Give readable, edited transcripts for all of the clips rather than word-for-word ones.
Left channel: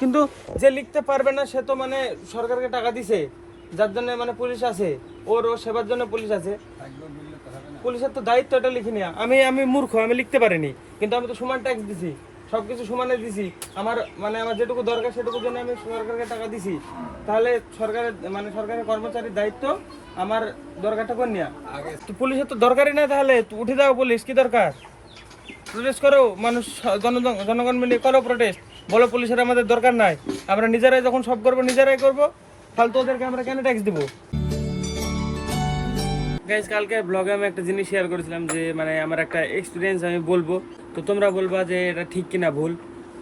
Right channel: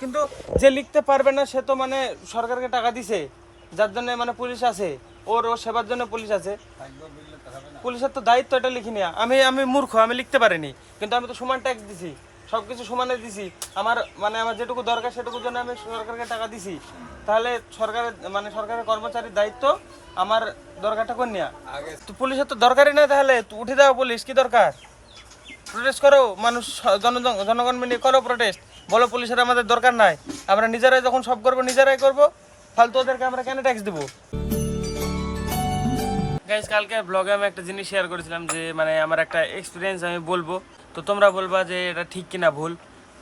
কিন্তু যে লিখতে পারবে না সে তো মানে সরকারকে টাকা দিছে, যার জন্য মানে পুলিশ আছে, ওর সেবার জন্য পুলিশ আছে। পুলিশের তো দায়িত্ব এটা লিখে নেওয়া। আমি মূর্খ, আমি লিখতে পারিনি, কিন্তু আমি তো সমান ট্যাক্স দিছি, সবকিছু সমানে দিছি। আমার যেটুকু দরকার সেটুকুর জন্য আমি সরকারকে টাকা দিছি। তাহলে সরকারের কর্মচারীর দায়িত্ব আমার দরকারটা করে নেওয়া। তো পুলিশের তো দরকারই না, তাহলে উঠে দাও পুলিশ, কি দরকার? প্রোটেস্ট করো, মানুষ জনগণ মিলে করো প্রোটেস্ট, বলো পুলিশের আমাদের দরকার নাই, আমরা নিজেরাই যখন সব করবো নিজেরাই করবো, তাহলে তো ওদেরকে আমরা কেন ট্যাক্স দেবো? গাইজ, কালকে ব্লগে আমি একটা জিনিস শেয়ার করেছিলাম যে মানে আমার একটা এক্সপিরিয়েন্স আমি বলবো, তো তোমরা বলবা যে এটা ঠিক কিনা ভুল।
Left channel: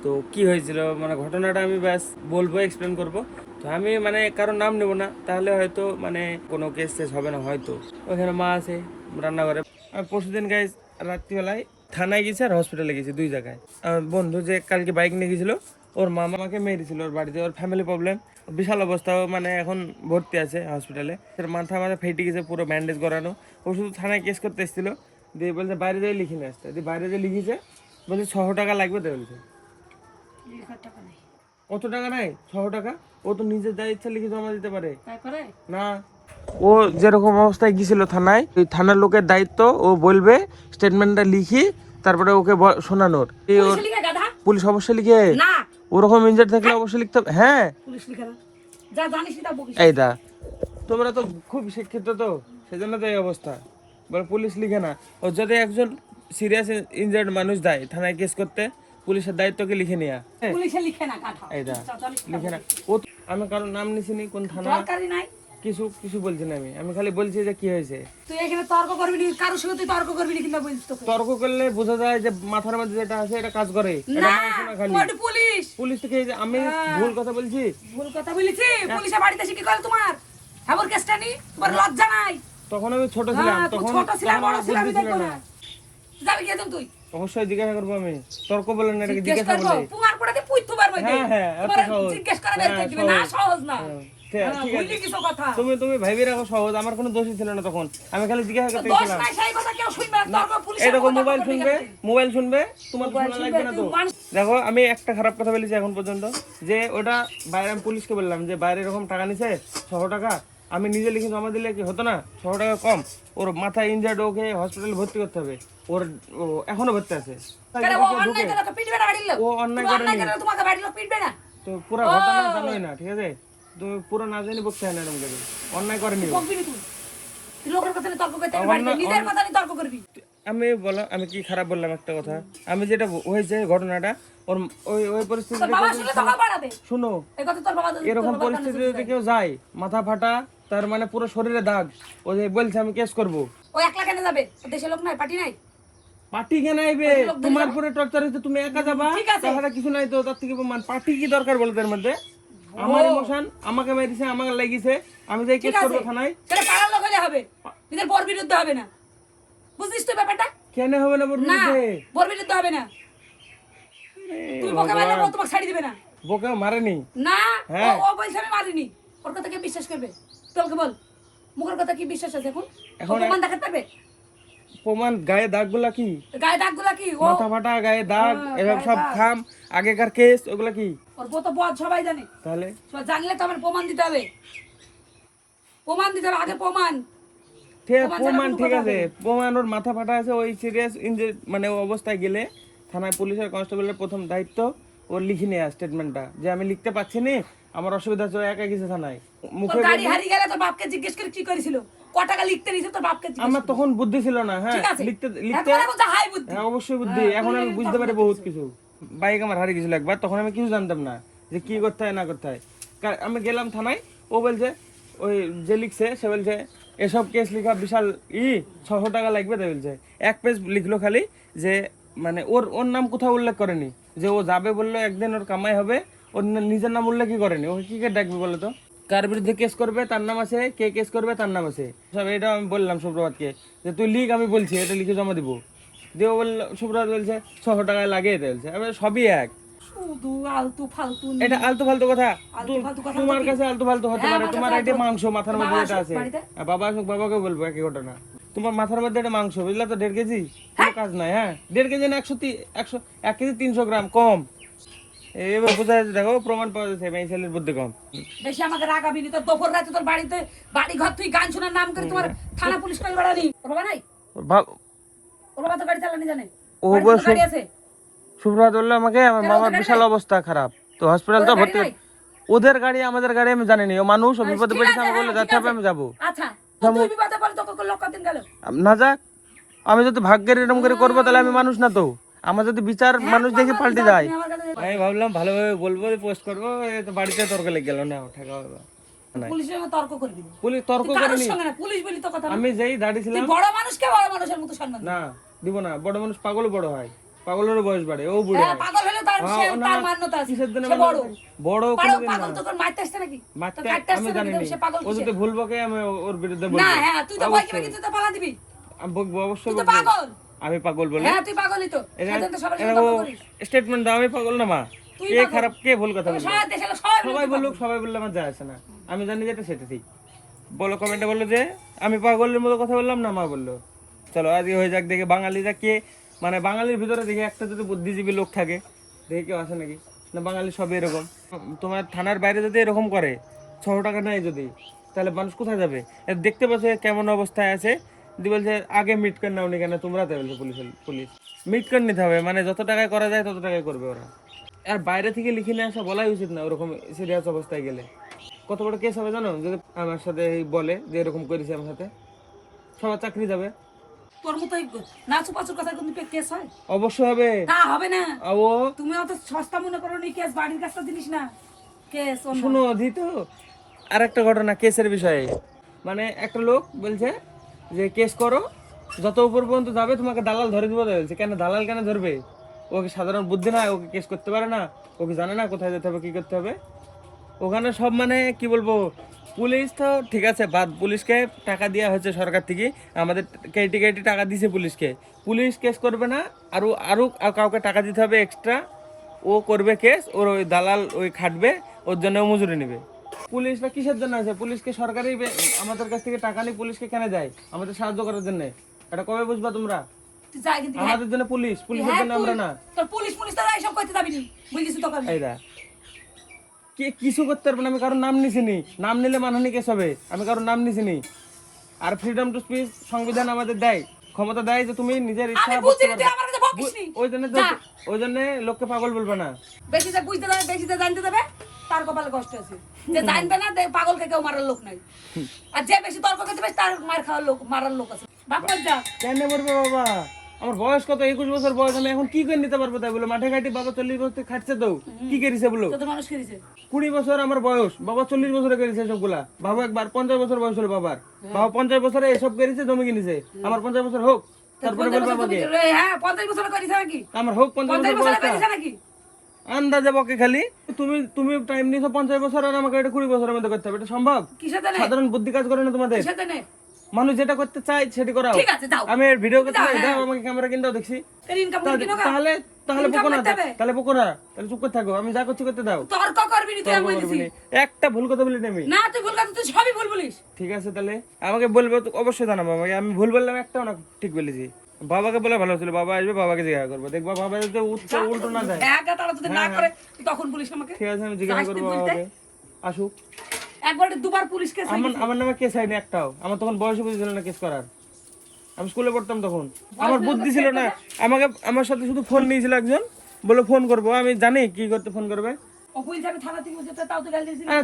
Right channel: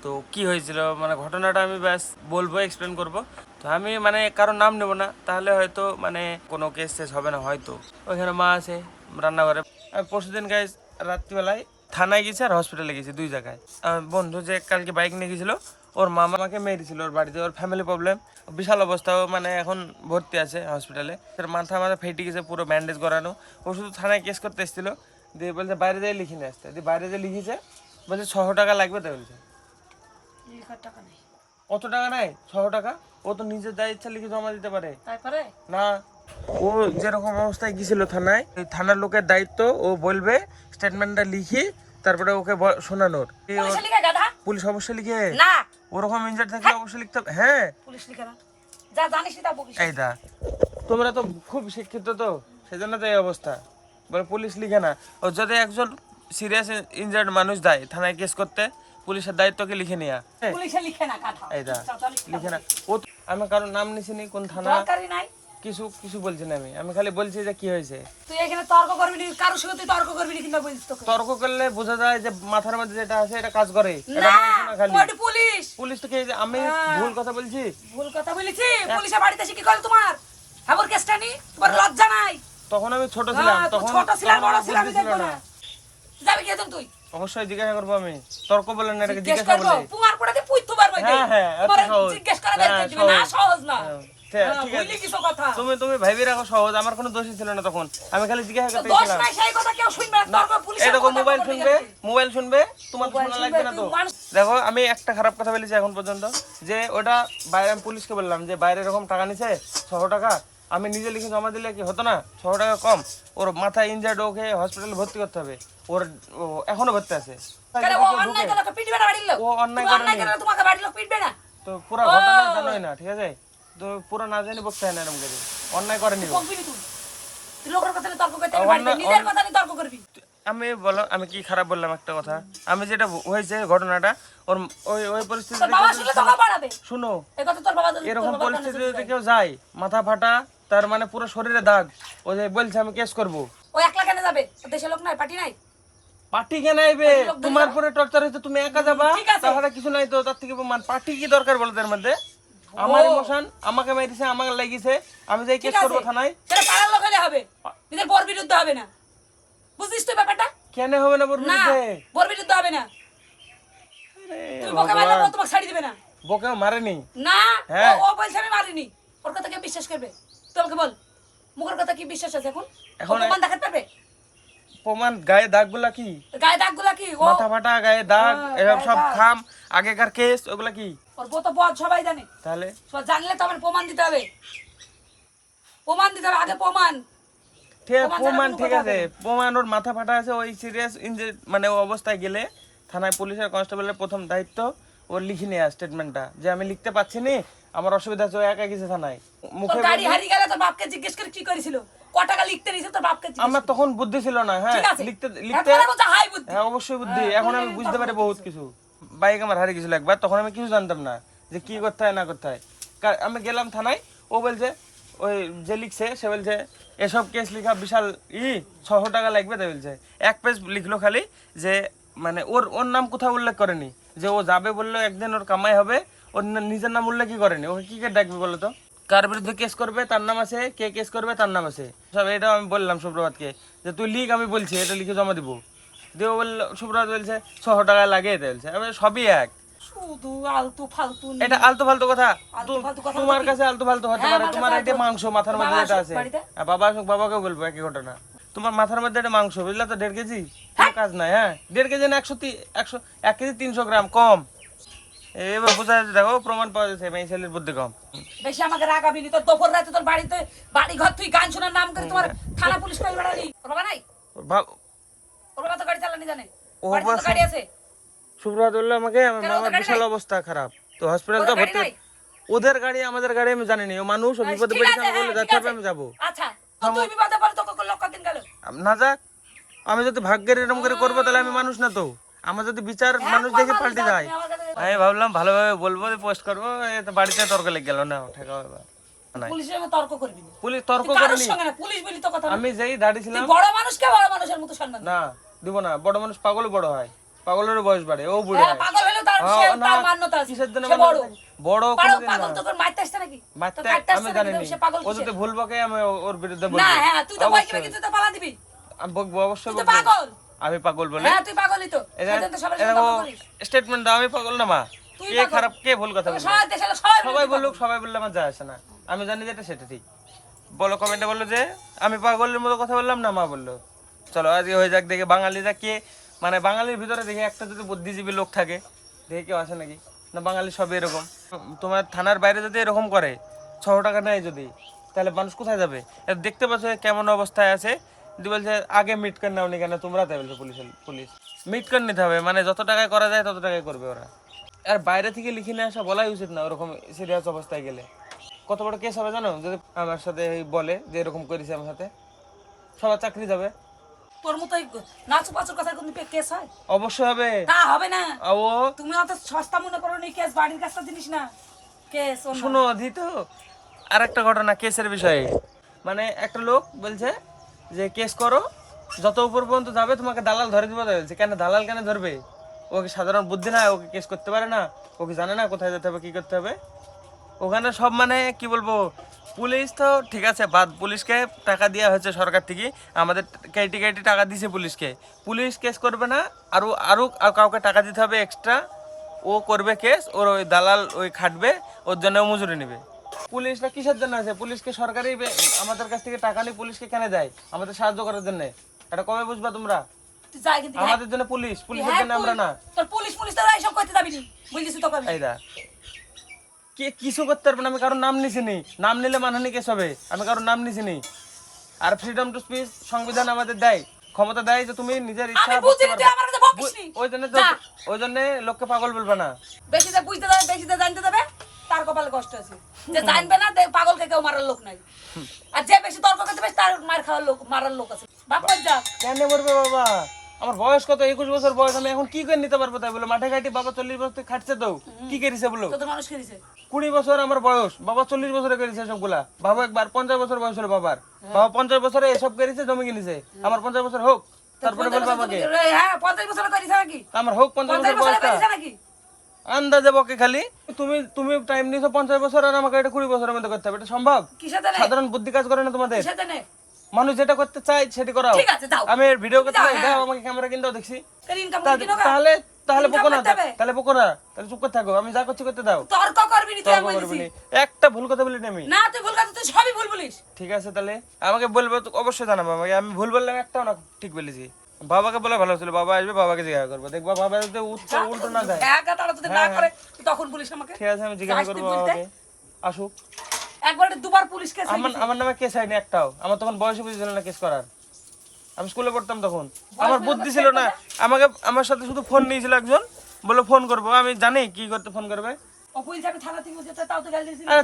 তো কি হয়েছিল মানে ঘটনাটা আমি ব্যাস বলবো, এক্সপ্লেন করবো। তো আমি মানে কারোর নাম নেবো না, তাহলে হয়তো মানে কোনো কেস টেস হবে না হয়তো। ওইখানে মা আছে রান্নাঘরে। আমি পরশুদিন গাইজ রাত্রিবেলায় থানায় গেছি আর হসপিটালে গেছি, দুই জায়গায়। আমার বন্ধু যে কালকে বাইক নিয়ে গেছিলো, ওর মামা আমাকে মেরেছিল ওর বাড়িতে, ওর ফ্যামিলি প্রবলেম, বিশাল অবস্থা, মানে এখন ভর্তি আছে হসপিটালে। মাথা ফেটে গেছে, পুরো ব্যান্ডেজ করানো। ও শুধু থানায় কেস করতে এসেছিলো, দিয়ে বলছে বাইরে যেয়ে লিখে নিয়ে আসতে। দিয়ে বাইরে যে লিখেছে, বলছে 600 টাকা লাগবে। তো বলছে কত টাকা নাই, 600 টাকা। ও তো নিজের যা ইচ্ছা লিখে জমা দিতে পারে না। ও যেরকম অবস্থায় গিয়েছিল থানায়, ওই থানার লোকের দায়িত্ব, ও বলবে স্টেটমেন্টটা লিখি, তারপরে ওকে শোনানোর। পুলিশ অবশ্যই লিখে, ওরকম ইনজার থাকলে অবশ্যই লিখতে হবে। হ্যাঁ, এই দা তোমরা তো খুব শিক্ষিত, তো সেজন্য তো এই অবস্থা। বলে পুলিশ লিখে না। ও যদি একজন সিরিয়াস ইনজার্ড মানুষ দেয় থানায় কেস করতে, পুলিশের দায়িত্বকে লিখে নেয়া। এই দা লিখে না। ও আমি কারোর নাম নিছি নি, কোন থানা কিছু কিছু বলছি না। আমি খালি বলছি যে কি হয়েছে। তুই এখানে তর্ক করবি না, কারোর সাথে তর্ক করবি না, কিন্তু বলিস তো। তর্ক করলে বোঝা যায় যে মাথার মধ্যে যেটা আছে এটা কাজ করে। এটা না খালি পুলিশ পুলিশ তো কি, আমি ভুল কথা বলছি? ভুল কথা বলেছি? পুলিশের বাড়িতে এসে কি করে তোমার খবর কেসটা নি? তোমার লজ্জা নাই? তখন আমি ছোট ছিলাম, তখন ছোট ছিলাম, বড় ছিলাম, আমি ছিল দেখব না। না। যাবি কি তুই? অবশ্যই জিজ্ঞাসা করবো আমি। তর্ক বলেন না, এটাকে জিজ্ঞাসা বলে। তোমার পড়াতে পুইতো পারবে। হ্যাঁ, এত সহজ। জিজ্ঞেস করা লাগবে না, সহজ না। ঠিক আছে, তুমি ভাইবি রাখো সহজ। আমার কোনো দোষই ছিল না তখন, আমি খালি জিজ্ঞাসা করতে গেছিলাম। এরকম মোবাইল শুনবে, তোমার তো শোনা লাগবে না তো। দেখো, আমি একটা খারাপ কথা বলেছি এখন পর্যন্ত, যে ওটা বাইরে আমি পুলিশকে বললাম যে বাইরে এরকম টাকা নিছে 600 টাকা, আমি নিজে লিখে জমা দিলে কি হতো না? 600 টাকা কম, ওর মাথায় ইনজার্ড, ওকে হসপিটালে ভর্তি করতে হবে। ওর এখনো ভর্তি আছে। ও অন্যায় করেনি তো, পুরো ঘটনা জানোই না, ঠিক আছে? তো পুরো না জানি বকতে হয় না, এরকম করে অন্যায় করেনি। আমি বলো, আমি কি খারাপ বললাম একটা কথা? আমি যেটা হয়েছে ঘটনাটা, ওর ওই পরিস্থিতিতে শুনো, এরকম পরিস্থিতি যদি কেউ যায়, মাথা ফাটা, তার মানে পুরো শরীরে দাগ, ও যে বলছে আমি কেস করবো। ও একলা কেন যাবে? দেশের লোক নাই, পার্টি নাই? পার্টি কেন আইবে? তোমার পরে টর্চার হইতে তুমি একা যাবা, তাহলে কিছু নাই তো। তার থেকে পার্টি কি দরকার বলো তার মধ্যে? আমার ইমোশন, আমাকে মেরেছে, আমাকে লাগিয়েছে, আমি যাই কেস করবো থানায়। সেটা পাড়ার লোক হলে হবে, নিজের বর বিরুদ্ধে হবে না। বুঝছিস তো ব্যাপারটা? কেন হবে না বর বিরুদ্ধে? বর বিরুদ্ধে হবে না। তুই বকা মারলে ও তোমাকে ছাড়ি দিবে না। বকা মারেনি না, হ্যাঁ, ও বলছে আমি মারিনি। ওর কথা কে বিশ্বাস করবে? তোকে বল, মুখের কথা কি বিশ্বাস আছে এখন? এখন প্রমাণ দেখাতে পারবে? প্রমাণ? গায়ে দাগগুলা কি? গায়ে দাগগুলা কি? মাথা ফাটা, গায়ে দাগ, এসব সব খাম, আগেকার কেস, ওগুলা কি? ওর বউ তো বদ, সবাই জানে। তাহলে সব জানলে তো আমার প্রমাণ দিতে হবে। প্রমাণ দিতে হবে, আগে প্রমাণ। প্রমাণ ঠিক আছে, প্রমাণ ওর মাথা ফাটা আছে, ওই সিরিয়াস মানে ও অবস্থায় গেলে থানায় পুলিশের কনস্টেবলের প্রথম দায়িত্ব ওর লিখে নেওয়া স্টেটমেন্টটা, যে আমি লিখতে পাচ্ছি না, আমার অসুবিধা আছে। ও একা গেছে থানায়, মুখে গাড়ি হারিয়ে গেলে তোর বাপকে জিজ্ঞেস করে কি করেছিল, ক টাকা লিখতে নিছে তোর বাপকে জিজ্ঞেস। আমার তখন বুদ্ধি ছিল না। হ্যাঁ, লিখতে হাই বুদ্ধি। হ্যাঁ, অবশ্যই বুদ্ধি। এখন আমি বুঝতে পারি বহুত কিছু। বাইক আমার হারিয়ে গেছিল একবার, তখন আমি কিছু জানতাম না যে কি করতে হয় না করতে হয়। আমি গেলাম থানায়, ও বলছে, ওই যে লিখছে সে বলছে এসব কেস লেখা বিশাল 600 টাকা লাগবে। তাই বলছে, এক পেজ লিখলো খালি, যে মানে ওর নাম কোথাও উল্লেখ করেনি, যে ও যাবে বললো একদিন ওর কামাই হবে, ওর নিজের নাম উল্লেখই করেনি। ওকে কি করে ডাকবি বলো তো? কার বিরুদ্ধে কেস করবে তার নাম আছে, কে কেস করবে তার নাম আছে সব। এটা আমি বললাম সুপ্রভাতকে যে তুই লিখ, আমি বলছি এটা লিখে জমা দিব। দিয়ে বললো, সুপ্রভাত বলছে 600 টাকা লাগে। এটা বলছে, আমি সবই এক। এটা আলতু ফালতু কথা। তোমার কাছে আলতু ফালতু হতে পারে, তোমার এটা মাংস মাথার মধ্যে যেটা আছে। বাবা আসুক, বাবাকেও বলবো একই ঘটনা। তোমার মাথার মধ্যে এটা মাংস, বুঝলা তো? 1.5 কেজি, কোনো কাজ নাই। হ্যাঁ, 1.5 কেজি না, 1 কেজি 300 গ্রাম কম। এবার বোঝা যাচ্ছে, দেখো প্রমাণ পাওয়া যাচ্ছে এই ছেলের বুদ্ধি কম। বেশি আমাকে রাগাবি নি, তোর দুপুর রাতে তোর বাড়িতে বাড়ি ঘর তুই গান শোনার নাম করে তোমার থানা পুলিশ করে বেড়ানি। ওর বাবা নাই, ওর বাবা তো গাড়ি চালানি জানে, ও বাড়িতে তো গাড়ি আছে। সুব্রত বললো আমাকে আমার কেন, বাবার ওদের গাড়ি বিশাল নাই? অবস্থা খারাপ, তো হসপিটাল তো ওদের গাড়ি ভর্তি। নাই? ওদের গাড়ি আমাদের গাড়ি আমি জানি না, ও মানুষ, ও বিপদে ঠিক পড়েছে, আছে, আমি হ্যাঁ, বললে ঠিক যাতে হবে আছে। আমি যাবো। আচ্ছা, তো তুই বিপদে পড়ে তোকে লোক কদিন গেল? না যাক, আমি যদি ভাগ্যের এরকম করে করবো তাহলে আমি মানুষ না তো। আমার যদি বিচার মানুষ দেখি পাল্টে যায়। তুমি আমার কাছে আমি ভাবলাম ভালোভাবে বলবো, পোস্ট করবো, এ তো বাড়িতে তর্ক লেগে গেল না, ঠেকা হলো না। পুলিশের সঙ্গে তর্ক করবি না। পুলিশ তর্ক তুই কারোর করেনি, সঙ্গে না, পুলিশ বলি তো কথা না। আমি যেই দাঁড়িয়েছিলাম। তুই বড় মানুষকে বড় মানুষের মতো সম্মান দে। না দিব না, বড় মানুষ পাগলও বড় হয়, পাগলেরও বয়স বাড়ে, ও বুড়ো হ্যাঁ, হয়। পাগল হলে তার হ্যাঁ, সে না, তার মান্যতা আছে। কিসের জন্য সে বড়। বড় কোনোদিন না। পাগল তো তোর মারতে আসছে নাকি? মারতে তোর কাটতে আমি আসছে জানি নাকি? না, সে পাগল ও কিসের? যদি ভুল বকে আমি ওর বিরুদ্ধে না, বলবো। হ্যাঁ, তুই তো বলবি কিন্তু তো পালা দিবি। আমি বকবো, অবশ্যই তুই তো বকবো। পাগল। আমি পাগল বলে হ্যাঁ, তুই পাগলই তো। সেদিন তো সবার সাথে তর্ক করিস। স্টেটমেন্ট দাও, আমি পাগল না মা। তুই কে পাগল। খারাপ কে ভুল কথা তোকে বলবে? সবাই দেশে সবাই সবাই বলুক, সবাই বললে আমার যায় আসে না, আমি জানি যেটা সেটা ঠিক। বলো কমেন্টে, বললো যে আমি পাগলের মতো কথা বললাম না, মা বললো। চলো আজকে হয়ে যাক, দেখে বাঙালিরা কে, মানে বাঙালির ভিতরে দেখে একটা যদি বুদ্ধিজীবী লোক থাকে, দেখে কেউ আসে নাকি? না, বাঙালি সব এরকম। তোমার থানার বাইরে যদি এরকম করে, 600 টাকা নেয় যদি, তাহলে মানুষ কোথায় যাবে? দেখতে পাচ্ছ কেমন অবস্থায় আছে। যদি বলছে আগে মিট করে নাও নি কেন তোমরা, তাই বলছে পুলিশ মিট করে নিতে হবে, মানে যত টাকায় করা যায় তত টাকায় করবে ওরা। আর বাইরে থেকে লিখে নিয়ে আসা বলাই উচিত না, ওরকম সিরিয়াস অবস্থায় গেলে। কত বড় কেস হবে জানো, যদি আমার সাথে বলে যে এরকম করেছে আমার সাথে, সবার চাকরি যাবে। তোর মতোই নাচু পাচুর কথা কোনো কেস হয়? অবশ্যই হবে। তা হবে না। ও তুমি অত সস্তা মনে করো নি, কেস বাড়ির কাছটা জিনিস না। কেস শুনো দি তো, আর একটা ঘটনা কেসের বিষয়ে। মানে একটা লোক বলছে যে কেস করো, যত উপর পর্যন্ত যাবে তোমাকে দালাল ধরে দিবে, বলছে কেন দালাল কেন ধরবে? ওকে সাধারণ বুদ্ধি না, ওকে কেস করতে পারে না, ওকে জানে না কোথায় যেতে হবে কি করতে হবে। ওখানে সব মানে কি বলবো, পুলিশ তো ঠিক আছে বাদ, পুলিশকে টাকা দেওয়া হয়েছে সরকার থেকে, আমাদের কেটে কেটে টাকা দিয়েছে পুলিশকে, পুলিশ কেস করবে না, আরও আরও কাউকে টাকা দিতে হবে এক্সট্রা, ও করবে কেস, ওর ওই দালাল ওই খাটবে, ওর জন্য ও মজুরি নেবে। পুলিশটা কিসের জন্য আছে? পুলিশকে সরকারি আমাদের কাছ থেকে টাকা নিয়ে পুলিশকে কেন দেয়? আমাদের সাহায্য করার জন্য। এটা কবে বুঝবা তোমরা? তুই যাই কিন্তু আমাদের জন্য পুলিশ, পুলিশের জন্য আমরা না। তোর পুলিশ তারা এসব করতে যাবি না, বুঝেছিস তো? এইরা কে কিছু করতে পারবে না, আমি কারোর নাম নিছিনি, নাম নিলে মানহানি কেস হবে, আমি কারোর নাম নিছিনি। আর ফ্রিডম টু স্পিচ সংবিধান আমাদের দেয়, ক্ষমতা দেয় যে তুমি নিজের ইচ্ছা আমি বলতে বুঝিনি, তুই পারবে। আমার কাছে বকিস নি। ওই জন্য লোককে পাগল বলবে না। বেশি যে বুঝতে দেবে, বেশি যে জানতে দেবে, তার কপালে কষ্ট আছে। যে জানবে না, পাগলকে কেউ মারার লোক নাই। আর যে বেশি তর্ক করতে পারে, তার মার খাওয়ার লোক, মারার লোক আছে। বাবা যা কেন মরবে বাবা? আমার বয়স কত, 21 বছর বয়স, আমি এখন কি করে নিতে পারবো? তাই বলে মাঠে ঘাটি বাবা 40 বছর থেকে খাটছে, তো কি করেছে বলো? কত মানুষ খেয়েছে। 20 বছর আমার বয়স, বাবা 40 বছরে করেছে সবগুলা। বাবা একবার 50 বছর বয়স হলো বাবার, বাবা 50 বছরে এসব করেছে, জমি কিনেছে। আমার 50 বছর হোক, তারপরে বলবো আমাকে। হ্যাঁ, 50 বছর করিস নাকি? আমার হোক 50 বছর 50 বছর বয়সটা, করিস নাকি? আন্দাজে বকে খালি। তুমি তুমি টাইম নিছো 50 বছর, আর আমাকে এটা 20 বছরের মধ্যে করতে হবে, এটা সম্ভব? কিসে জানে? সাধারণ বুদ্ধি কাজ করে না তোমাদের? কিসে জানে? মানুষ যেটা করতে চায় সেটি করাও। ঠিক আছে, দাও। আমি ভিডিও করতে চাই, দাও আমাকে ক্যামেরা কিনে দাও, দেখছি। কেন ইনকাম করবি না? তাহলে তাহলে বকো না, করতে হবে। তাহলে বকো না, তাহলে চুপ করে থাকো, আমি যা করছি করতে দাও। তর্ক করবি না, তুই তর্ক আমি করবি বলছি। না। একটা ভুল কথা বলি না আমি। না, তুই ভুল কথা, তুই সবই ভুল বলিস। ঠিক আছে, তাহলে আমাকে বলবো তো, অবশ্যই জানাবো আমাকে। আমি ভুল বললাম একটাও না, ঠিক বলেছি। বাবাকে বলে ভালো ছিল, বাবা আসবে, বাবাকে জিজ্ঞাসা করবো, দেখবা বাবা যদি উল্টো না যায়। একা তারা যদি না করে, তুই তখন বলিস আমাকে। ঠিক আছে, আমি জিজ্ঞাসা করবো বাবাকে, আসুক। একবার দুবার পুলিশ কেস আমার নামে কেস হয়নি একটাও, আমার তখন বয়স বুঝেছিল না কেস করার। আমি স্কুলে পড়তাম তখন, আমার বুদ্ধি ছিল না। আমার সাথে শুধু ফোন নিয়েছিল একজন, বলে ফোন করবো, আমি জানি কি করতে ফোন করবে। পুলিশ আমি থানা থেকে যেতে, তাও তো গাল দিয়েছিল। আরে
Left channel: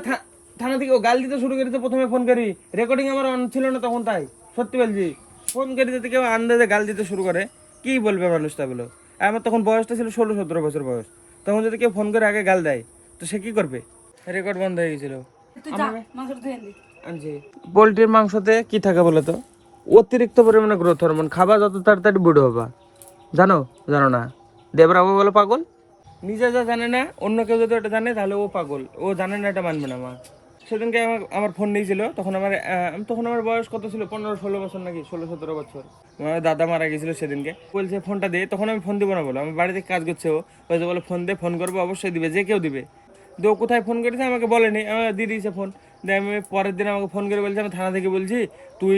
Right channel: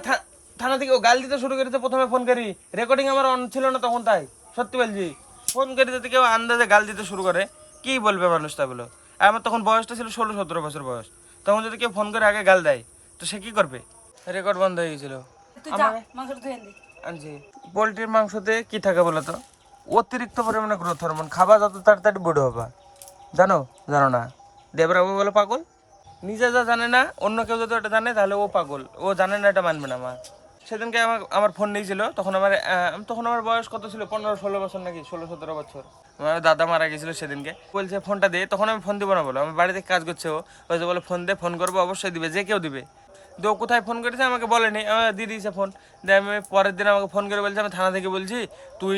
থানা থেকে ও গাল দিতে শুরু করেছে, প্রথমে ফোন করি, রেকর্ডিং আমার অন ছিল না তখন, তাই সত্যি বলছি। ফোন করে দিতে কেউ আন্দাজে গাল দিতে শুরু করে, কি বলবে মানুষ তা বলো? আর আমার তখন বয়সটা ছিল 16-17 বছর বয়স, তখন যদি কেউ ফোন করে আগে গাল দেয় তো সে কি করবে? রেকর্ড বন্ধ হয়ে গেছিল। তুই যা, মাংসটা ধুয়ে আনবি। আনছি। পোলট্রির মাংসতে কি থাকে বলো তো? অতিরিক্ত পরিমাণে গ্রোথ হরমোন, খাবা যত তাড়াতাড়ি বড় হবা। জানো জানো না? দেবরাবু বলে পাগল, নিজে যা জানে না, অন্য কেউ যদি ওটা জানে তাহলে ও পাগল, ও জানে না, এটা মানবে না। সেদিনকে আমার ফোন নিয়েছিল, তখন আমার বয়স কত ছিল, 15-16 বছর নাকি 16-17 বছর। আমার দাদা মারা গেছিল সেদিনকে, বলছে ফোনটা দে, তখন আমি ফোন দিব না বলো, আমি বাড়িতে কাজ করছে, ও বলছে বলে ফোন দে, ফোন করবো, অবশ্যই দিবে, যে কেউ দিবে। তো কোথায় ফোন করেছে আমাকে বলেনি, আমি দিয়ে দিয়েছে ফোন। দিয়ে আমি পরের দিন আমাকে ফোন করে বলছে আমি থানা থেকে বলছি, তুই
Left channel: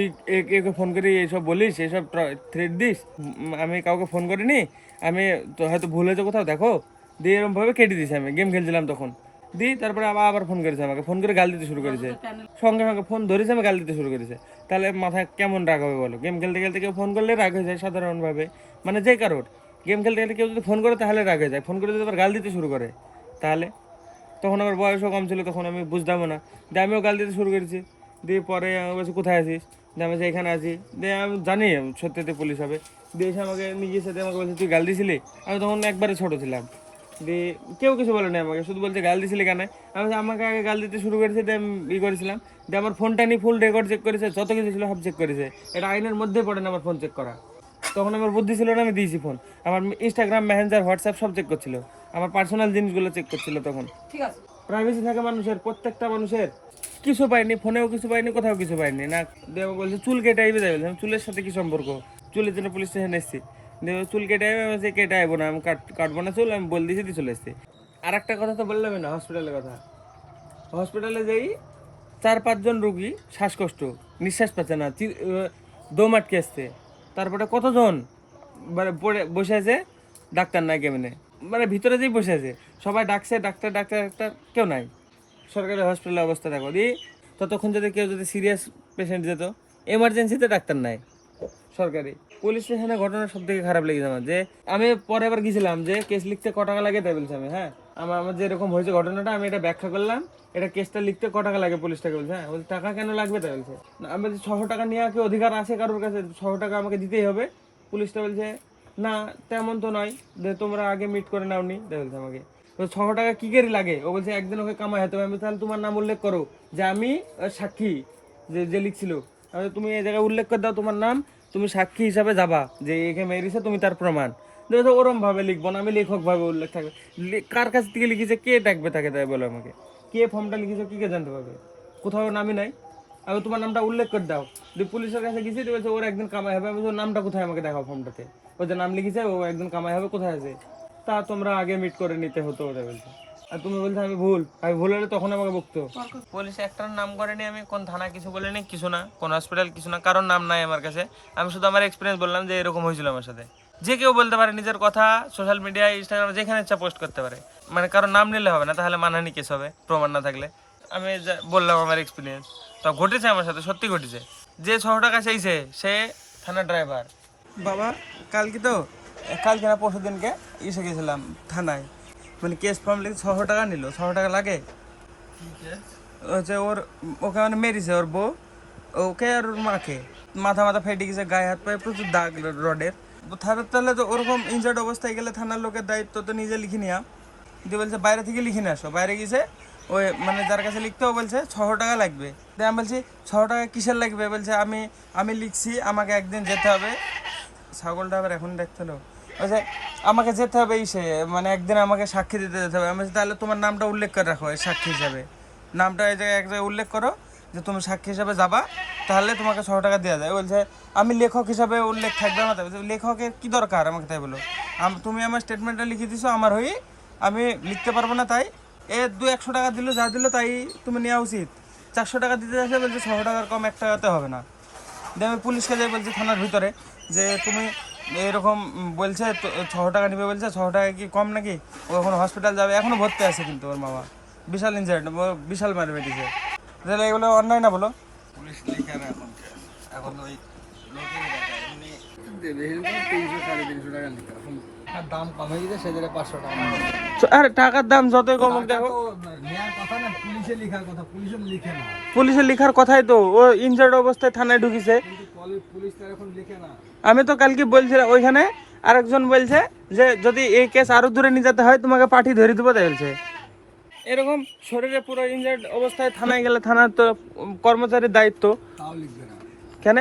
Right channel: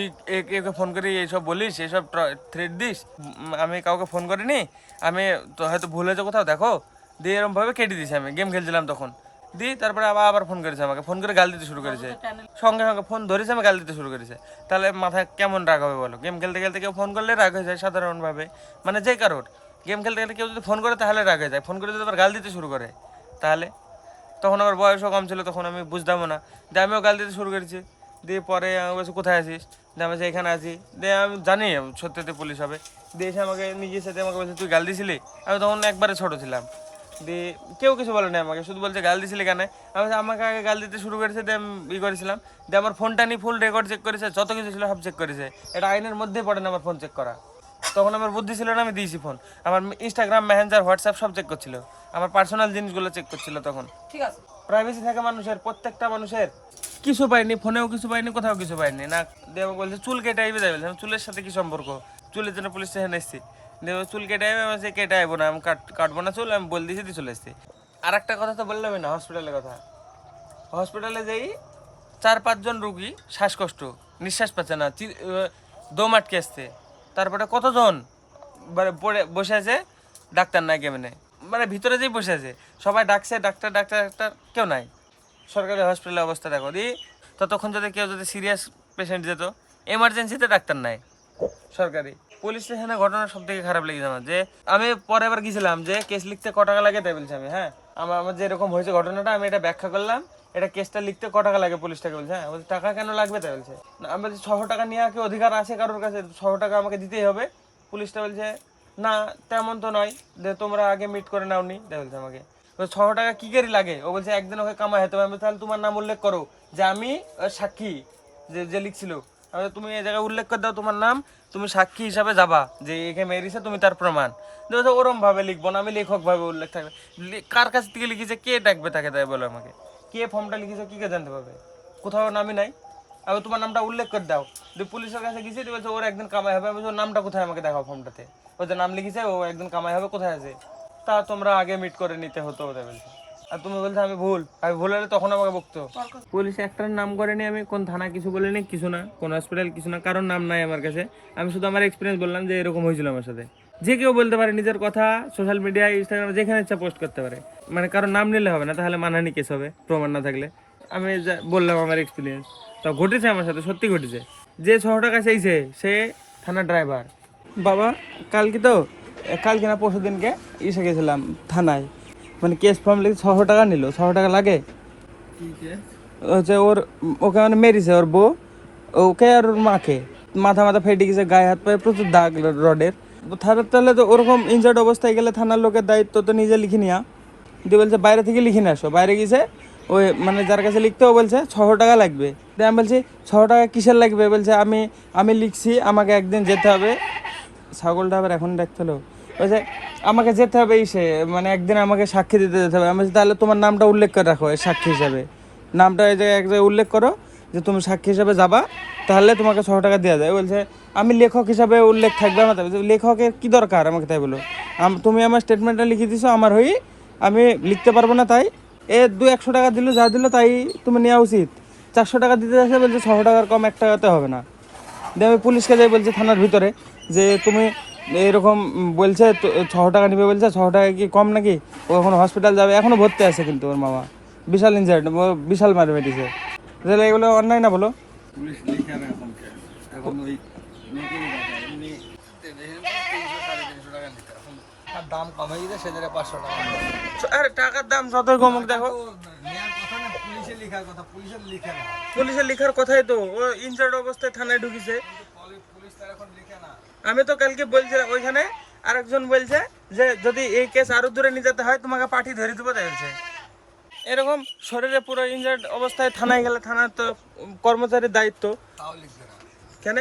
একে ফোন করে এইসব বলিস, এইসব থ্রেট দিস। আমি কাউকে ফোন করিনি, আমি তো হয়তো ভুল হয়েছে কোথাও, দেখো দিয়ে এরকম ভাবে কেটে দিয়েছি, আমি গেম খেলছিলাম তখন। দিয়ে তারপরে আবার ফোন করেছে আমাকে, ফোন করে গাল দিতে শুরু করেছে, সঙ্গে সঙ্গে ফোন ধরেছে আমি গাল দিতে শুরু করেছে। তাহলে মাথায় কেমন রাগ হবে বলো? গেম খেলতে খেলতে কেউ ফোন করলে রাগ হয়ে যায় সাধারণভাবে, মানে যে কারোর গেম খেলতে খেলতে কেউ যদি ফোন করে তাহলে রাগ হয়ে যায়, ফোন করে যদি আবার গাল দিতে শুরু করে তাহলে। তখন আমার বয়সও কম ছিল, তখন আমি বুঝতামও না, দিয়ে আমিও গাল দিতে শুরু করেছি। দিয়ে পরে আমি বলছি কোথায় আছিস, দিয়ে আমি এখানে আছি। দিয়ে আমি জানি সত্যিতে পুলিশ হবে। দিয়ে এসে আমাকে নিয়ে গেছে, দিয়ে আমাকে বলছে তুই গাল দিছিলি? আমি তখন একবারে ছোট ছিলাম। দিয়ে কেউ কিছু বলে না আমাকে, শুধু বলছে গাল দিছিলি কেন? আমি বলছি আমাকে আগে গাল দিতে শুরু করেছে, দিয়ে আমি ই করেছিলাম। দিয়ে আমার ফোনটা নিয়ে ফুল রেকর্ড চেক করেছে, যত কিছু ছিল সব চেক করেছে। এটা আইনের মধ্যেই পড়ে না আমার ফোন চেক করা। তখন আমার বুদ্ধি ছিল না, আমি দিয়েছি ফোন। আমার ইনস্টাগ্রাম, মেসেঞ্জার, হোয়াটসঅ্যাপ সব চেক করছিল, আমার পার্সোনাল জিনিসগুলো চেক করছিল তখন। ঠিক আছে, প্রাইভেসি থাকে মানুষের, প্রত্যেকটা মানুষের। কিছু পাইনি, ফোনেও কিছু পাইনি, কোথাও কিছু পাইনি না। দিয়ে আমাকে বলছে চুল কেটে আইবে, যাই বলছে আমি চুলের সাথে কি সম্পর্ক? চুলের জন্য পুলিশ স্টেশনে এসেছি। দিয়ে চুল কেটে আইবে, আমি কেটে আইবো না, আমি কাটবো না চুল, আমি বলে দিয়েছি, দিয়ে চলে এসেছি। আর একটা কথা তো বললাম না, হসপিটালের কথা। হসপিটালে যাই 4-5 জন রুগী শ্বাসকষ্ট, নিঃশ্বাস পাচ্ছে না, দম আটকে আসছে। তারপরে কতজন পড়ে বসে আছে, ডাক্তার নাই কেমনে, মানে ভিতরে যেই বসে আছে সবাই ডাকছে ডাক্তার ডাক্তার ডাক্তার, কেউ নাই। সরকারি হসপিটালের অবস্থা দেখো দি। ততক্ষণ যদি কেউ যদি সিরিয়াস পেশেন্ট যেত, এমার্জেন্সিতে ডাক্তার নাই সরকারি। পুলিশ স্টেশনে ঘটনা সব থেকে খারাপ লেগেছে আমার, যে আমি পরে আবার গেছিলাম যে কেস লিখতে ক টাকা লাগে তাই বলছি আমি। হ্যাঁ, আমার যে এরকম হয়েছে ঘটনাটা, আমি এটা ব্যাখ্যা করলাম, এটা কেসটা লিখতে ক টাকা লাগে পুলিশটাকে বলছে। হ্যাঁ বলছে টাকা কেন লাগবে তাই বলছে। আমি বলছি 600 টাকা নেওয়া কি অধিকার আছে কারোর কাছে? 600 টাকা আমাকে দিতেই হবে? পুলিশটা বলছে না তেমন তো নয়, যে তোমরা আগে মিট করে নাওনি তাই বলছে আমাকে। 600 টাকা কি করে লাগে? ও বলছে একদিন ওকে কামাই হতে হবে। আমি তাহলে তোমার নাম উল্লেখ করো যে আমি সাক্ষী, যে যে লিখছিল। আমি তুমি এই জায়গায় উল্লেখ করে দাও তোমার নাম, তুমি সাক্ষী হিসাবে যাবা যে একে মেরেছে, তুমি তার প্রমাণ। দেখো ওরম ভাবে লিখবো না, আমি লেখক ভাবে উল্লেখ থাকবে। কার কাছ থেকে লিখেছে, কে ডাকবে তাকে, তাই বলো আমাকে। কে ফর্মটা লিখেছে, কি কে জানতে পারবে? কোথাও নামই নাই। আমি তোমার নামটা উল্লেখ করে দাও। দিয়ে পুলিশের কাছে গেছি, বলছে ওর একদিন কামাই হবে। আমি ওর নামটা কোথায়, আমাকে দেখাও ফর্মটাতে। ও যে নাম লিখেছে ও একদিন কামাই হবে, কোথায় আছে? তা তোমরা আগে মিট করে নিতে হতো ওদের বলছে। আর তুমি বলছো আমি ভুল হলে তখন আমাকে বকতো। পুলিশ একটার নাম করেনি, আমি কোন থানা কিছু বলিনি, কিছু না, কোন হসপিটাল কিছু না, কারোর নাম নাই আমার কাছে। আমি শুধু আমার এক্সপিরিয়েন্স বললাম যে এরকম হয়েছিল আমার সাথে। যে কেউ বলতে পারে নিজের কথা, সোশ্যাল মিডিয়ায়, ইনস্টাগ্রামে, যেখানে ইচ্ছা পোস্ট করতে পারে, মানে কারোর নাম নিলে হবে না, তাহলে মানহানি কেস হবে প্রমাণ না থাকলে। আমি বললাম আমার এক্সপিরিয়েন্স, তা ঘটেছে আমার সাথে, সত্যি ঘটেছে। যে 600 টাকা চাইছে সে থানার ড্রাইভার। বাবা কালকে না পরশু দিনকে এসে গেছিলাম থানায়, মানে কেস ফর্ম লিখে 600 টাকা নিল। 600 টাকা লাগে হচ্ছে ওকে মানে মেরেছে ওর বউ, ওকে আর ওর মাকে। মাথা ফেটে গেছে, গায়ে হাত পায়ে প্রচুর দাগ রডের। তাহলে তো ওরকম ইনজার্ড অবস্থায় গেলে থানার লোকের দায়িত্ব তো নিজে লিখে নেওয়া। দিয়ে বলছে বাইরে থেকে লিখে নিয়ে আসো। বাইরে গেছে ওই মানে যার কাছে লিখতে, ও বলছে 600 টাকা লাগবে। দিয়ে আমি বলছি 600 টাকা কিসের লাগবে? বলছে আমি লিখছি, আমাকে একদিন যেতে হবে। ছাগলটা আবার এখন দেখতে হলো, বলছে আমাকে যেতে হবে মানে একদিন আমাকে সাক্ষী দিতে যেতে হবে। আমি বলছি তাহলে তোমার নামটা উল্লেখ করে রাখো সাক্ষী হিসাবে, নামটা এই জায়গায় এক জায়গায় উল্লেখ করো যে তুমি সাক্ষী হিসাবে যাবা, তাহলে তোমাকে 600 টাকা দেওয়া যায়। বলছে আমি লেখক হিসাবে উল্লেখ থাকবে আমার। লেখকের কি দরকার আমাকে তাই বলো? তুমি আমার স্টেটমেন্টটা লিখে দিছো আমার হয়ে, আমি লিখতে পারবো না, তাই 200-100 টাকা দিল, যা দিল তাই তুমি নেওয়া উচিত। 400 টাকা দিতে আসে, বলছে 600 টাকার কম 1 টাকাতে হবে না। দিয়ে আমি পুলিশকে যাই বলছি থানার ভিতরে যে তুমি এরকম বলছে 600 টাকা নিবে, বলছে 600 টাকা কি কম নাকি? ও এখন হসপিটাল যাবে, এখনো ভর্তি আছে, কিন্তু ওর মামা বিশাল ইনজার্ড, বিশাল মার মেরেছে। তাহলে এগুলো অন্যায় না বলো? পুলিশ লিখে না এখন ওই দেবে 300-350 টাকা নিতে, আর দাম কমে গেছে সেজন্য 500 টাকা। আর টাকার দাম যতই কমুক দেখো, নেওয়ার কথা না, পুলিশের লিখার কথা, পুলিশের লিখে না। পুলিশের লিখার কথাই তো, ও ইনজার্ড অবস্থায় থানায় ঢুকিছে। পুলিশ তার এখন লিখে না। আমি তো কালকে বলছিলাম ওইখানে, আরেকজন বলছে যে যদি এই কেস আরো দূরে নিয়ে যেতে হয় তোমাকে পাঠি ধরে দেবো তাই বলছে। এরকম শরীরে পুরো ইনজার্ড অবস্থায় থানায় গেলে থানার তো কর্মচারীর দায়িত্ব। তাও লিখবে না কেন?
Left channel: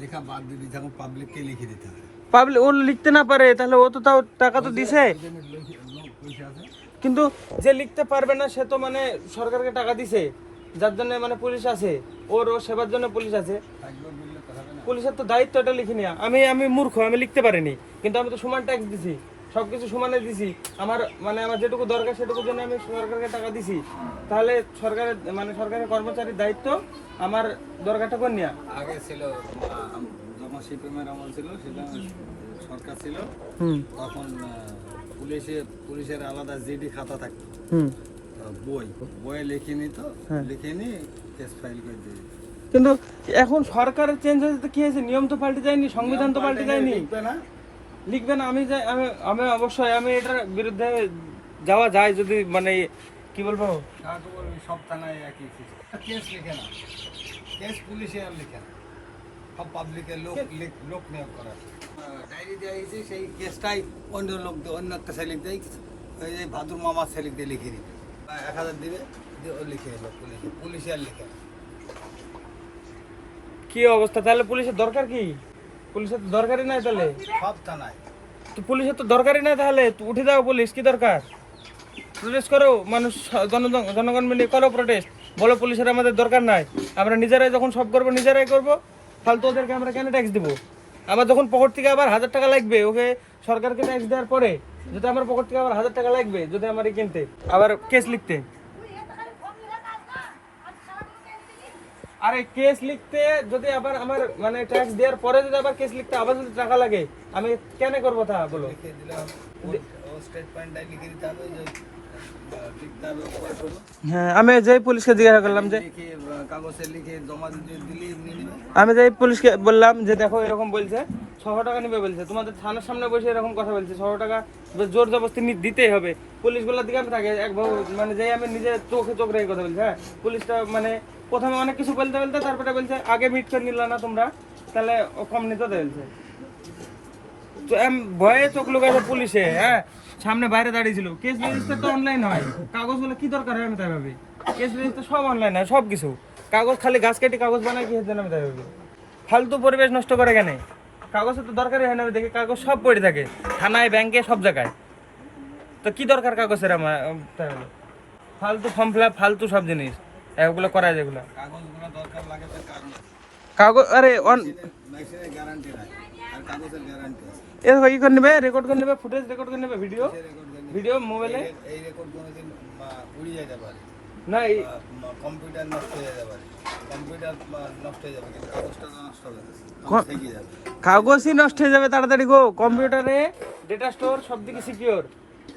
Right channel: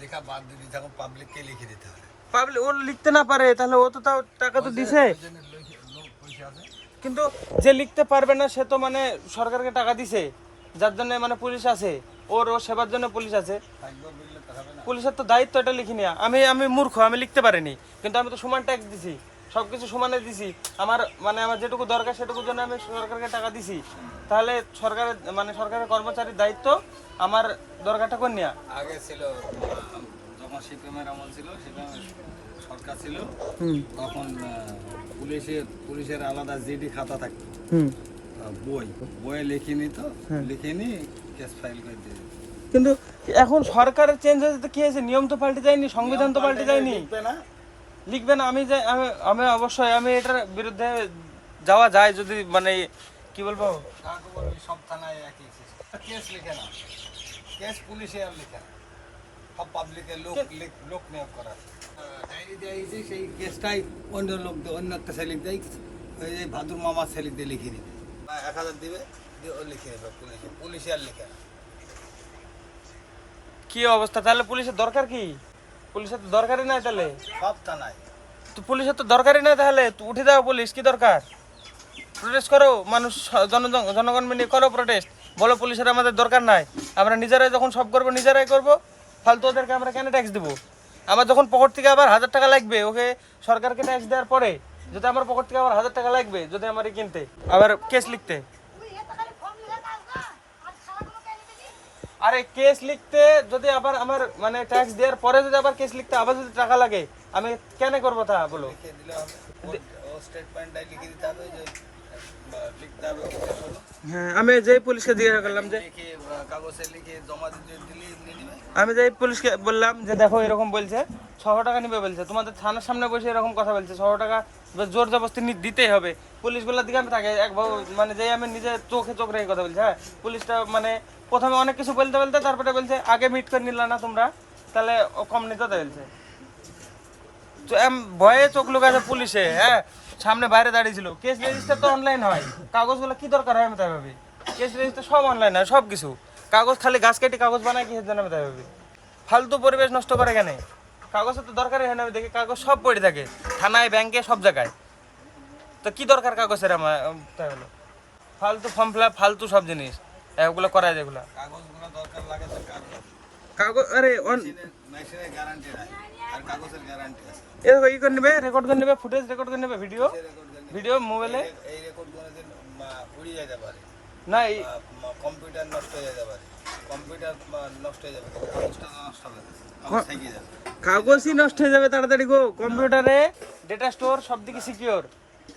লেখা বাদ দিবি, যখন পাবলিককে লিখে দিতে হবে। পাবলিক ও লিখতে না পারে, তাহলে ও তো তাও টাকা তো দিছে। পয়সা আছে, কিন্তু যে লিখতে পারবে না সে তো মানে সরকারকে টাকা দিছে, যার জন্য মানে পুলিশ আছে, ওর সেবার জন্য পুলিশ আছে। পুলিশের তো দায়িত্ব এটা লিখে নেওয়া। আমি মূর্খ, আমি লিখতে পারিনি, কিন্তু আমি তো সমান ট্যাক্স দিছি, সবকিছু সমানে দিছি। আমার যেটুকু দরকার সেটুকুর জন্য আমি সরকারকে টাকা দিছি। তাহলে সরকারের কর্মচারীর দায়িত্ব আমার দরকারটা করে নেওয়া। আগে ছিল যখন সিপিএমের আমল ছিল, সেখানে সরকার ছিল হুম তখন পুলিশের আলাদা জিডি খাতা থাকতো, হুম বইয়ে লিখে নিত, হ্যাঁ। লিখে নিয়ে কেস ফাইল করে দিয়ে দিত। কিন্তু এখন সরকারের চেঞ্জ হয়েছে তো কি হয়েছে, নিয়ম তো পাল্টে যায়নি, সংবিধান তো পাল্টে যায়নি। লিখবে না, লিখবে না, আমি অবশ্যই আমি এটার বিরুদ্ধে যাওয়া যায় যদি মানে কি বলবো। তারপর ওই সব থানায় একই কেস লিখে না, কেস পুলিশে আর লিখে না, সব পাবলিকের লোক নিয়োগ করা। ডায়েরি দেওয়া হয়েছে, সেই কেসটাই অন্য অন্য একটা সেলিক দেয়, ওই যে ভাদুর মামার সেলিক দিয়ে লিখে দিবে, 1000 দিবে, দিয়ে ও লিখে দেবে পুলিশে আর লিখে না। কি অবস্থা তাহলে, পুলিশের দরকার কি? পুলিশের তো দরকারই নাই তাহলে, সব থানায় তো পুলিশের তো দরকারই নাই তাহলে, তো উঠে দাও পুলিশ, কি দরকার? প্রোটেস্ট করো, মানুষ জনগণ মিলে করো প্রোটেস্ট, বলো পুলিশের আমাদের দরকার নাই, আমরা নিজেরাই যখন সব করবো নিজেরাই করবো, ফালতু ওদেরকে আমরা কেন ট্যাক্স দেবো? আমার যখন পকেট থেকে আবার 1000 টাকা লাগবে, ওকে সরকারকে ট্যাক্স দেওয়ার পরে যদি আমার পকেট থেকে আবার 1000 টাকা লাগবে, যদি আমার কিনতে আবার কেস লিখতে, আরে কেস লিখতে যদি আবার আমার মানে ট্যাক্স দেওয়ার পরে যদি আবার কেস লিখতে আবার যদি টাকা লাগে, আমি কেন করবো তা বলো? লিখে দিলে ও স্টেটমেন্টটাই লিখে দিতে হবে, যে লিখতে হবে হ্যাঁ, আমি যেই পুলিশকে জিজ্ঞাসা করলাম যে, লিখে কাগজে লিখে জমা দিতে দিলে নিয়ে নেবে। আমি যেই পুলিশকে বললাম যে দেখো এরকম বলছে 600 টাকা নিবে বলছে, তোমাদের থানার সামনে বসে এরকম কথা বলছে, 600 টাকা জোর জবরদস্তি দিতেই হবে। পুলিশগুলোর দিকে আমি থাকে একভাবে মানে যেই আমি নিজে চোখে চোখ রেখে কথা বলছি। হ্যাঁ, পুলিশটা মানে প্রথমে অনেক কিছু বলতে বলতে তারপরে বলছে আগে মিট করে নিলে না তোমরা, তাহলে ও কম নিতে বলছে। ভয়ে চোখ লুকাছে পুলিশে। হ্যাঁ, সামনে বাইরে দাঁড়িয়েছিল। কেস রেজিস্টার তো অনলাইন হয়, কাগজগুলো কি দরকার হয় আমি তাই ভাবি। কেস রেজিস্টার সব অনলাইন হয়, সব কিছু কাগজ খালি গাছ কাটি কাগজ বানায় কি জন্য আমি তাই ভাবি। ফালতু পরিবেশ নষ্ট করে কেন? কাগজের তো দরকারই হয় না, আমি দেখি কাগজ সব পড়ে থাকে থানায়, ব্যাংকে, সব জায়গায়। তো কি দরকার কাগজের আমার তাই হলো? ফালতু ফর্ম ফিল আপ, ফালতু সব জিনিস এগুলো করায় যেগুলো কাগজগুলো দরকার লাগে তো কাগজ। আরে মেশিনের গ্যারান্টি নাই, আর কাগজের গ্যারান্টি আছে। এ কি করে নেবে, রেকর্ড করে নেবে, ফুটেজ রেকর্ড করে নেবে, ভিডিও মোবাইলে। এই রেকর্ড কোনোদিন উড়িয়ে যেতে পারে না কম্পিউটার নষ্ট হয়ে যেতে পারে, কম্পিউটার নষ্ট হয়ে যাবে, কিন্তু কাগজটা নষ্ট হবে না, কাগজ থেকে যাবে। কাগজই নষ্ট হয়ে যাবে তাড়াতাড়ি গো। কম্পিউটারে ডেটা স্টোর সব দিকে সিকিওর।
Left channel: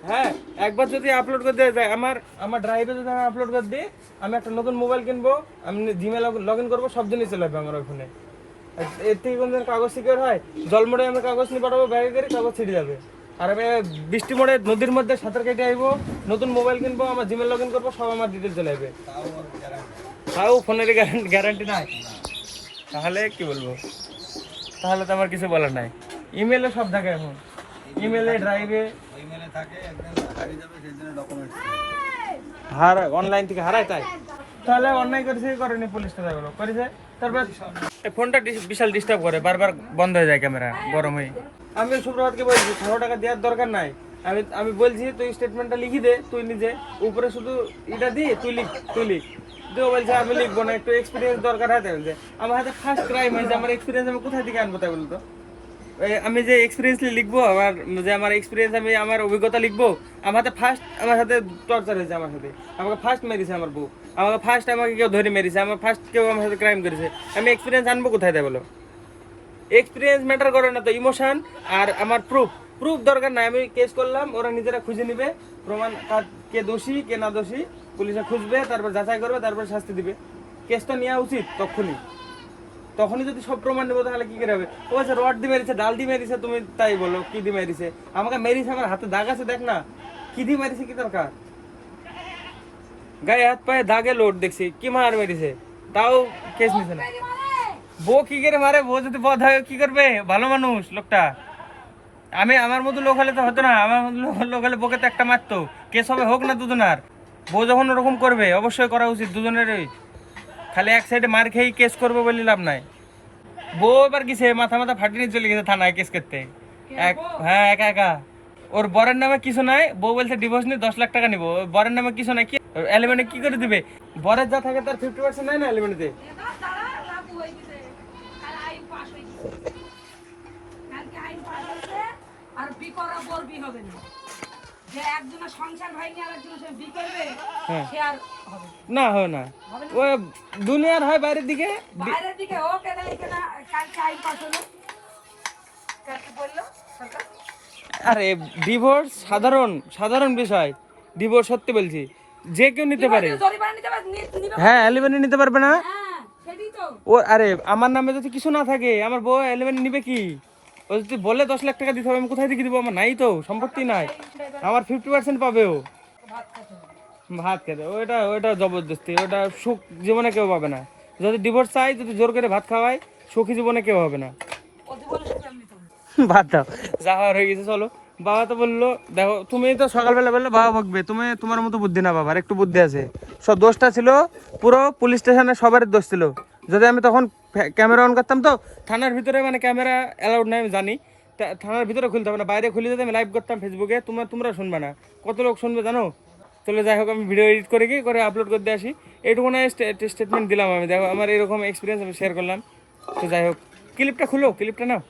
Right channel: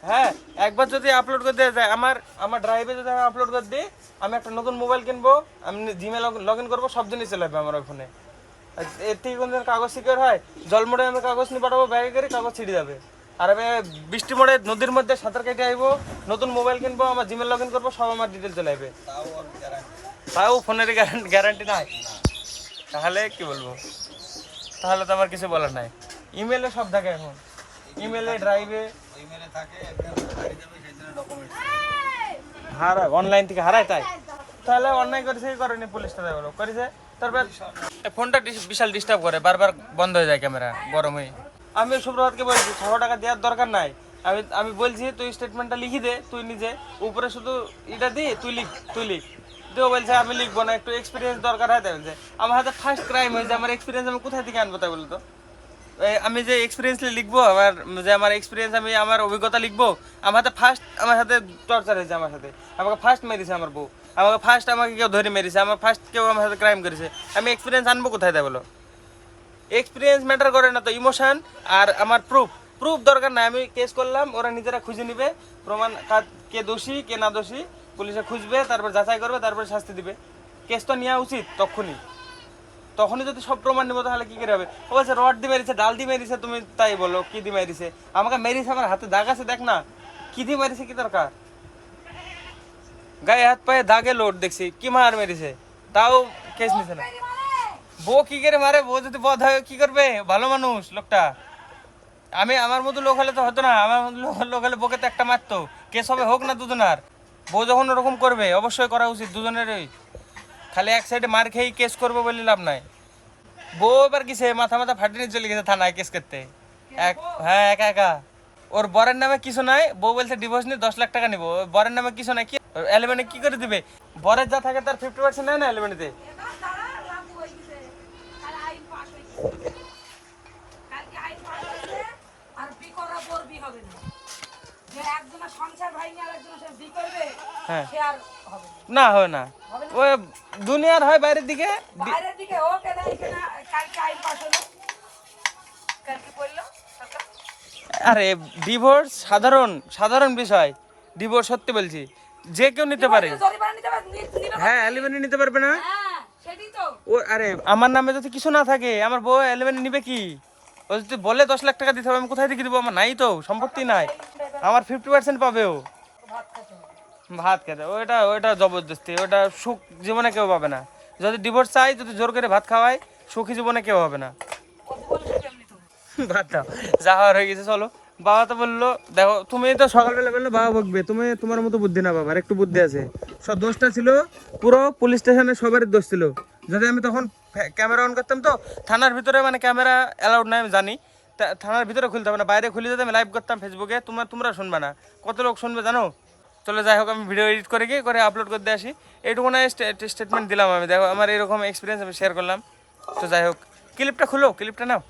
হ্যাঁ, একবার যদি আপলোড করে দেওয়া যায়, আমার ড্রাইভে যদি আমি আপলোড করে দিই, আমি একটা নতুন মোবাইল কিনবো, আমি জিমেল লগ ইন করবো, সব জিনিস চলে যাবে আমার ওই ফোনে। এর থেকে কোনদিন কাগজ সিকিওর হয়? জলমোড়ে আমি কাগজ নিয়ে পাঠাবো, ব্যাগে করে কাগজ ছিঁড়ে যাবে। আর আমি বৃষ্টি মোড়ে নদীর মধ্যে সাঁতার কেটে আসবো, নতুন মোবাইল কিনবো, আমার জিমেল লগ ইন করবো, সব আমার ডিটেল চলে যাবে। তাও ফোনের গ্যারান্টি নাই, তাহলে কি বলবো? তাহলে তো আমার কিছু বলার নাই। ইমেলে সব থাকে এখন, ইমেলে, ড্রাইভে ইমেলে থাকে, একদিন হারিয়ে যাবে, সেই জন্য ডকুমেন্টস অনলাইন থেকে হারায়। তাই তাহলে অন্যায় করেছে কি করেনি পুলিশটা? তাই বলো করেছে। তারপর ফোনটা বিশাল ডিস্টার্ব করে, বারবার বন্ধ হয়ে যায়, ক্যামেরা গরম হয়ে। আমি সুব্রতকে বলছি 600 টাকা দেওয়ার দরকার নাই, আমি বলছি তুই স্টেটমেন্টটা লিখে দে, তুই নিজে উপরে শুধু এটা দি, তুই লিখ। তুইও বলছে আমি লিখবো না, একটু এক্সপিরিয়েন্স দরকার হয়। তাই বলছে আমার হাতে ফার্স্ট ক্রাইম হয়েছে, আমার এক্সপিরিয়েন্স আমি কোথায় থেকে আনবো? তাই বলতো আমি যে এক্সপিরিয়েন্স লিখবো, আমার এক্সপিরিয়েন্স, আমি আমার অভিজ্ঞতা লিখবো, আমার সাথে টর্চার হয়েছে, আমার সাথে আমাকে ফার্স্ট মেরেছে আমার বউ, আমাকে কেউ ধরে মেরেছে, কেউ আমার সাথে ক্রাইম করেছে, আমি এক্সপিরিয়েন্স আনবো কোথায়? তাই বলো এক্সপিরিয়েন্স ম্যাটার করে না তো, ইমোশন আর আমার প্রুফ দরকার নাই। আমি কেস করলাম, ওরা নিজেরা খুঁজে নিবে প্রমাণ, কে দোষী কে না দোষী, পুলিশে খুঁজবে, তারপর যাচাই করবে, তারপর শাস্তি দিবে। কেস তো নেওয়া উচিত তখনই যদি সব প্রমাণ নেবো, তাহলে কি করে হবে? ও বলছে রড দিয়ে মেরেছে, ডাল দিয়ে মেরেছে, তুমি তাই বলো কি দিয়ে মেরেছে? আমাকে মেরেছে, আমার হাতে দাগ আছে, দেখ না কি দিয়ে মেরেছে, কি দরকার? গায়ে হাত পায়ে দাগে লোড দেখছি, কি মার মেরেছে, তাও কেস নিছে না। বউ কি করে মারে? বউ যদি বধ হয় কি করবে? ভালো মানুষ লোকটা। আমার মতো লোক হলে তো হতো না, আমার মতো লোক হলে বউকে তো একটা মারতো। কেস হবে, হোক না দুজনার। বউ যখন ওরকম করবে, অবশ্যই করা উচিত দুজনেরই। খালি এক সাইডে মার খেয়েই কেস করবো বলে লাভ নাই। বউ এবার কিসে মাথা ফাটিয়ে নিয়ে চলে গেছে থানায় কেস করতে। হ্যাঁ, একা। ওর বরের নামে কিছু নাই, বউ বলছে ডিভোর্স নিয়ে 10 লাখ টাকা নিবো। বরের নামে কিছু নাই, কি এলিমেন্টে কি করে দিবে? বরের যা থাকে তার 50% নেয় না এলিমেন্টে। আর বি করা বলবি হবে না, যে একজনের সংসার ভাঙিয়ে আর একজনের সে বি করবে, সে আর হবে না, হয় না। ওই দুনিয়ার হয় বাইরের দিকে, বাইরের দিকে হোক, এদের কিনা কালকে আইন পাস হলো, কালকে বললো আরে ডিভোর্স সাধারণ বিষয়, ডিভোর্স সত্যি বলছি, যে কেউ নিতে পারে। জরিমানা নিতে পারবে, নিবে। হ্যাঁ অ্যালিমেন্ট নিতে পারবে না। হ্যাঁ সেটাই তো। ও আরে আমার নামে যদি কিছু না থাকে, আমার বউ অ্যালিমেন্ট নিবে কি? ও যদি বলে 10 লাখ টাকা দিতে হবে, আমি কোথায় থেকে দিব? আমার নাই তো, সম্পত্তি নাই। আমার 50% পাবে ও। ভাত খেতে ওইটা জবরদস্তি, ওটা সুখ জীবনে কেউ পাবে না। যদি ডিভোর্স চাই, যদি জোর করে ভাত খাওয়ায়, সুখী জীবনে কেউ হবে না। ভাত দাও, যা হওয়ার হয়ে গেছে, চলো। বাবা তো বললো, দেখো তুমি তো সকালবেলা বললে বাবা বকবে, তুমি তোমার মতো বুদ্ধি না, বাবার একটু বুদ্ধি আছে। সব দোষটা ছিল পুরো পুলিশ স্টেশনে, সবার দোষ ছিল। যদি আমি তখন ক্যামেরা অন করতাম, তো থানার ভিতরে মানে ক্যামেরা অ্যালাউড নাই আমি জানি, থানার ভিতরে খুলতে হবে না, বাইরে খুলে যদি আমি লাইভ করতাম ফেসবুকে, তোমরা শুনবে না। কত লোক শুনবে জানো? চলে যাই হোক, আমি ভিডিও এডিট করে গিয়ে করে আপলোড করতে আসি, এইটুকু না স্টেটমেন্ট দিলাম আমি। দেখো আমার এরকম এক্সপিরিয়েন্স আমি শেয়ার করলাম। তো যাই হোক, ক্লিপটা খুলো, ক্লিপটা নাও।